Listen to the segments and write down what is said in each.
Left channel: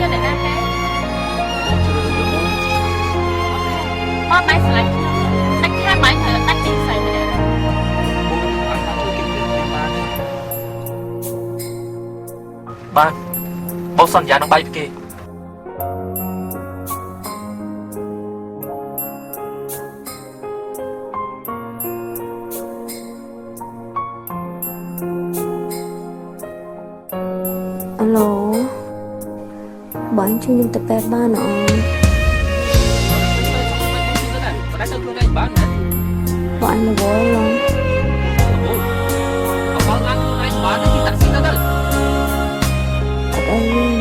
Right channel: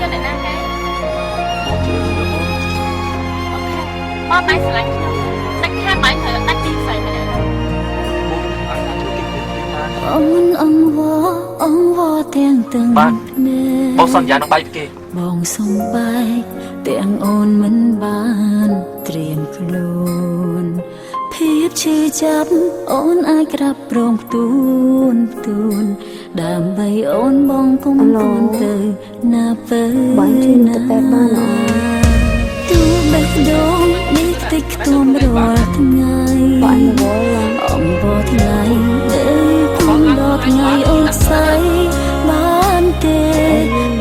យកអ្នកណាគេបងជ្រើសយកអូនបងបែរស្រឡាញ់ខ្ញុំដាច់ខាតបែរត្រូវដាច់ទីផ្សេងម្នាក់បងអាចជួយគេទៀតបានទាំងទាំងបានបងសន្យានឹងបាយពីគេបងសំបាយទាំងអូនមិនបានត្រៀមខ្លួនភាពឈឺចាប់អូនអាចក្រាបព្រមទូនដើម្បីអូនបងគុំទៅណាពើបងជួយខ្ញុំទៅពេទ្យបានអូនទូបេះដូងនេះតិចខ្ទុំរាល់ថ្ងៃបងអញវល់ឡងអងបោះថ្ងៃបងឡើងអញបានដាក់ស្នាដៃបានទេ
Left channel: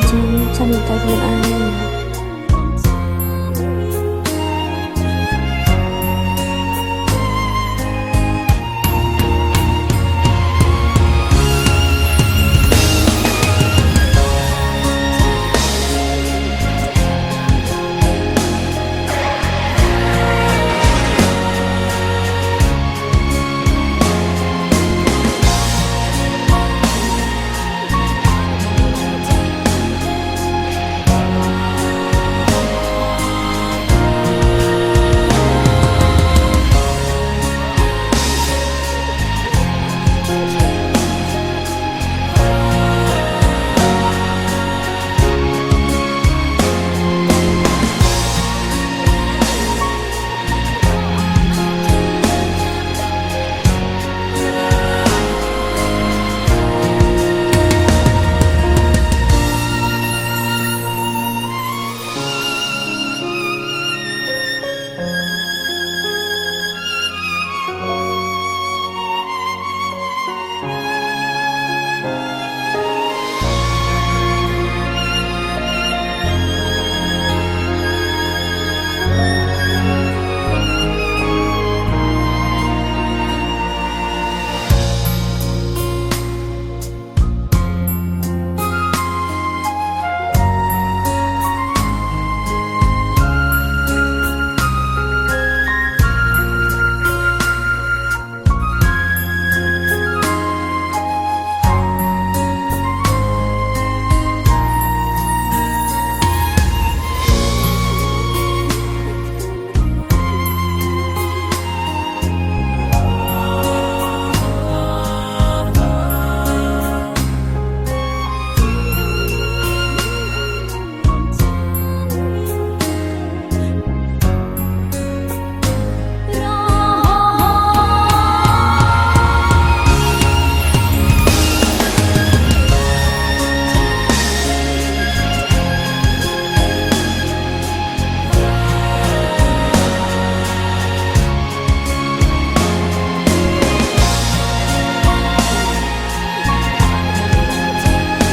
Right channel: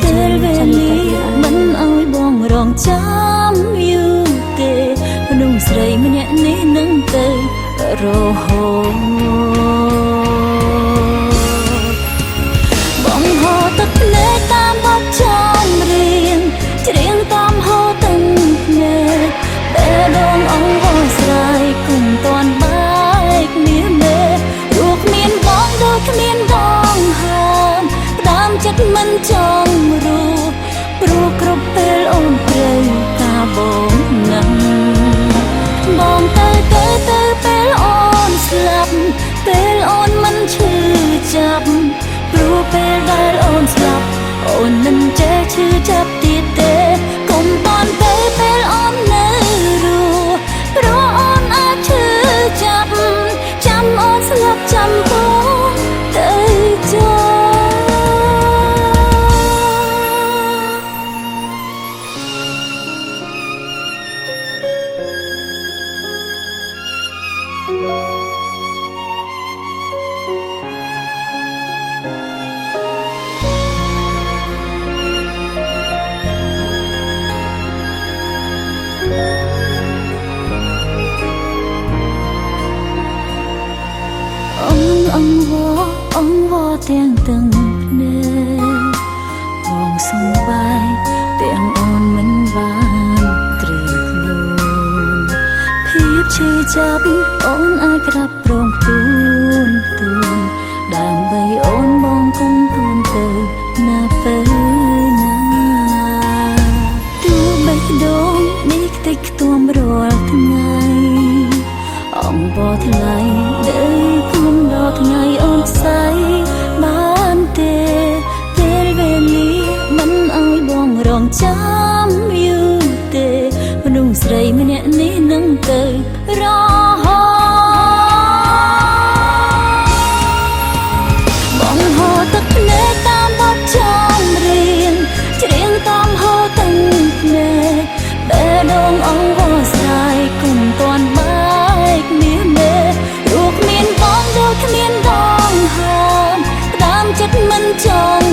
ចាំតែវាអញឲ្យបងរងចាំយូរទេមនុស្សស្រីម្នាក់នេះនឹងទៅរហូតបងហៅទឹកភ្នែកតាមបទចម្រៀងច្រៀងតាមហូរទឹកភ្នែកពេលដងអងបងស្រីគុំតាន់បែកមានមេព្រោះគ្មានបងដូចគ្មានបងហើមតាមចិត្តមិនចង់ព្រោះគ្រប់ពេលអូនទៅថាបងនឹងបងទៅពេលអូនស្លាប់ពេលអូនមិនឈឺចាប់ព្រោះពេលដែលអូនស្លាប់អូនមិនចេះឈឺចាប់ទៀតទេកុំតន់ពេលអូននៅរស់ព្រោះអូនអាចឈឺចាប់ចាំអូនស្លាប់ចាំព្រោះទៅចោលអងវទាំងទាំងភ្នែកបងសំបាយទាំងអូនមិនបានត្រៀមខ្លួនភាពឈឺចាប់អូនអាចក្រាបព្រមទូនដើម្បីអូនបងគុំទៅណាពេលណាទូបេះដូងនេះតិចខ្ទុំរាល់ថ្ងៃអងបោះថ្ងៃថ្ងៃអូនស្រីបានទេពេលវេលាមិនឲ្យបងរងចាំយូរទេមនុស្សស្រីម្នាក់នេះនឹងទៅរហូតបងហៅទឹកភ្នែកតាមបទចម្រៀងច្រៀងតាមហូរទឹកភ្នែកពេលដងអងបោះស្រាយគុំតាន់បែកមានមេរូបមានបងដូចគ្មានបងហើមតាមចិត្តមិនចង់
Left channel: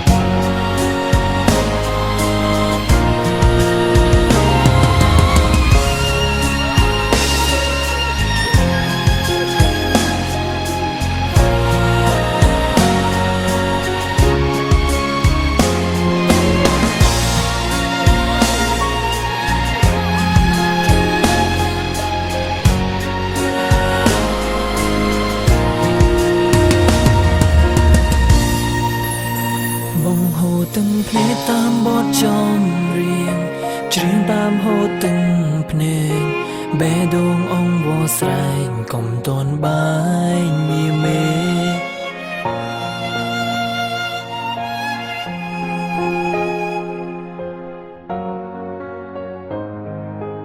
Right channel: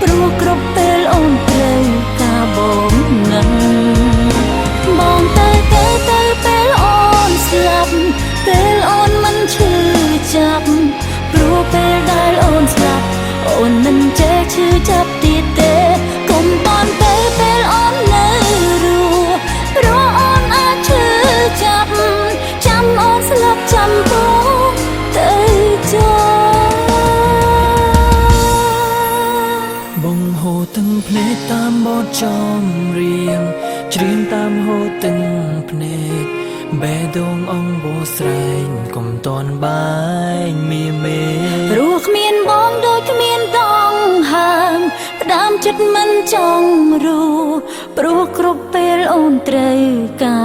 ព្រោះគ្រប់ពេលអូនត្រូវការបងនឹងបងទៅពេលអូនស្លាប់ពេលអូនមិនឈឺចាប់ព្រោះពេលដែលអូនស្លាប់អូនមិនចេះឈឺចាប់ទៀតទេកុំបានពេលអូននៅរស់ព្រោះអូនអាចឈឺចាប់ចាំអូនស្លាប់ចាំព្រោះទៅចោលបងហូរទាំងភ្នែកតាមបទចម្រៀងច្រៀងតាមហូរទាំងភ្នែកបេះដូងអងវស្រែងកុំតន់បាយមីមេព្រោះគ្មានបងដូចគ្មានដងហើមផ្ដាំចិត្តមិនចង់ព្រោះគ្រប់ពេលអូនត្រូវការ